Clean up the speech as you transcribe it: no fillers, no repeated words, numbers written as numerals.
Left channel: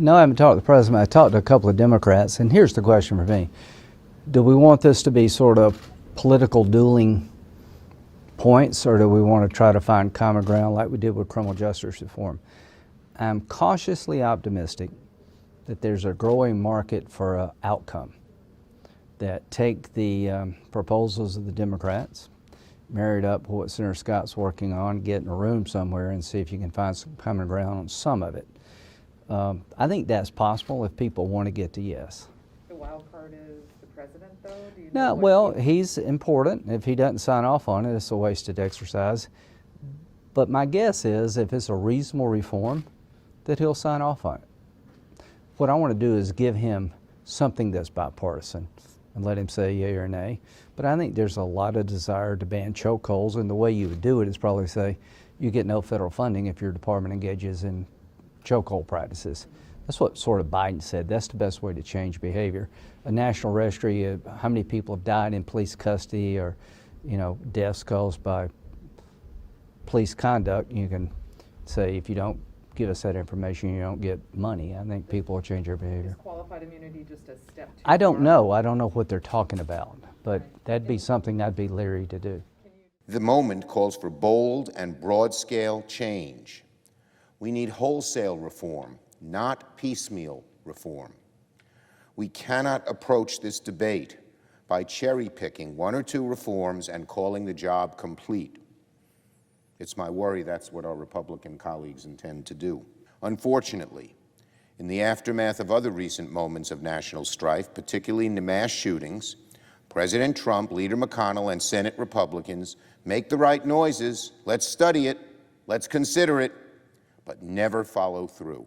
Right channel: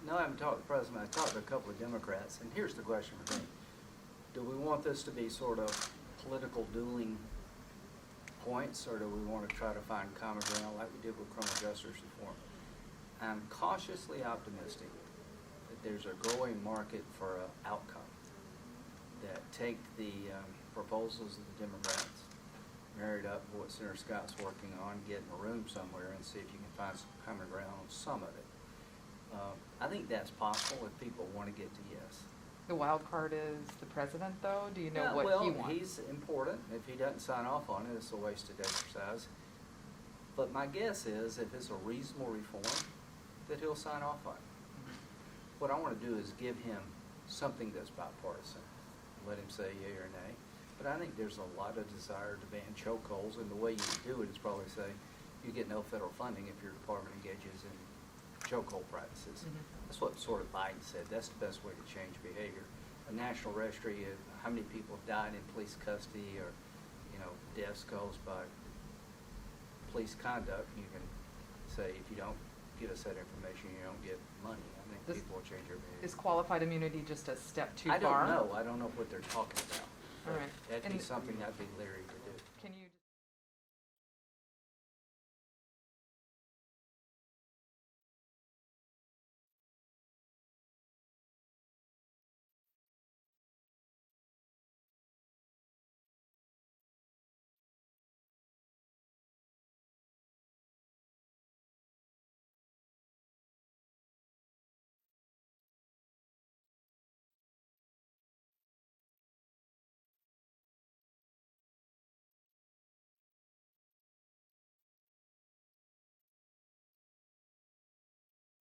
No, I haven't talked to the president. I talked to a couple of Democrats, and here's the question for me. Do we want this to be sort of political dueling points, or do we want to try to find common ground like we did with criminal justice reform? I'm cautiously optimistic that there's a growing market for an outcome that take the proposals of the Democrats, married up with what Senator Scott's working on, get in a room somewhere and see if you can find some common ground on some of it. I think that's possible if people want to get to yes. The wild card is the president, though? Do you know No, what well, he he's important. If he doesn't sign off on it, it's a wasted exercise. But my guess is if it's a reasonable reform, that he'll sign off on it. What I want to do is give him something that's bipartisan and let him say yea or nay. But I think there's a lot of desire to ban chokeholds, and the way you would do it is probably say you get no federal funding if your department engages in chokehold practices. That's what sort of Biden said. That's the best way to change behavior. A national registry of how many people have died in police custody or, deaths caused by police conduct, you can say if you don't give us that information, you don't get money. I think people will change their behavior. Is qualified immunity just a step too far? I don't know. I don't know what they're talking about, but Right. that'd be something I'd be leery to do. The moment calls for bold and broad-scale change. We need wholesale reform, not piecemeal reform. We cannot approach this debate by cherry-picking one or two reforms and calling the job complete. It's my worry that's what our Republican colleagues intend to do. Unfortunately, in the aftermath of other recent moments of national strife, particularly in the mass shootings, President Trump, Leader McConnell, and Senate Republicans make the right noises, let's study it, let's consider it, but never follow through.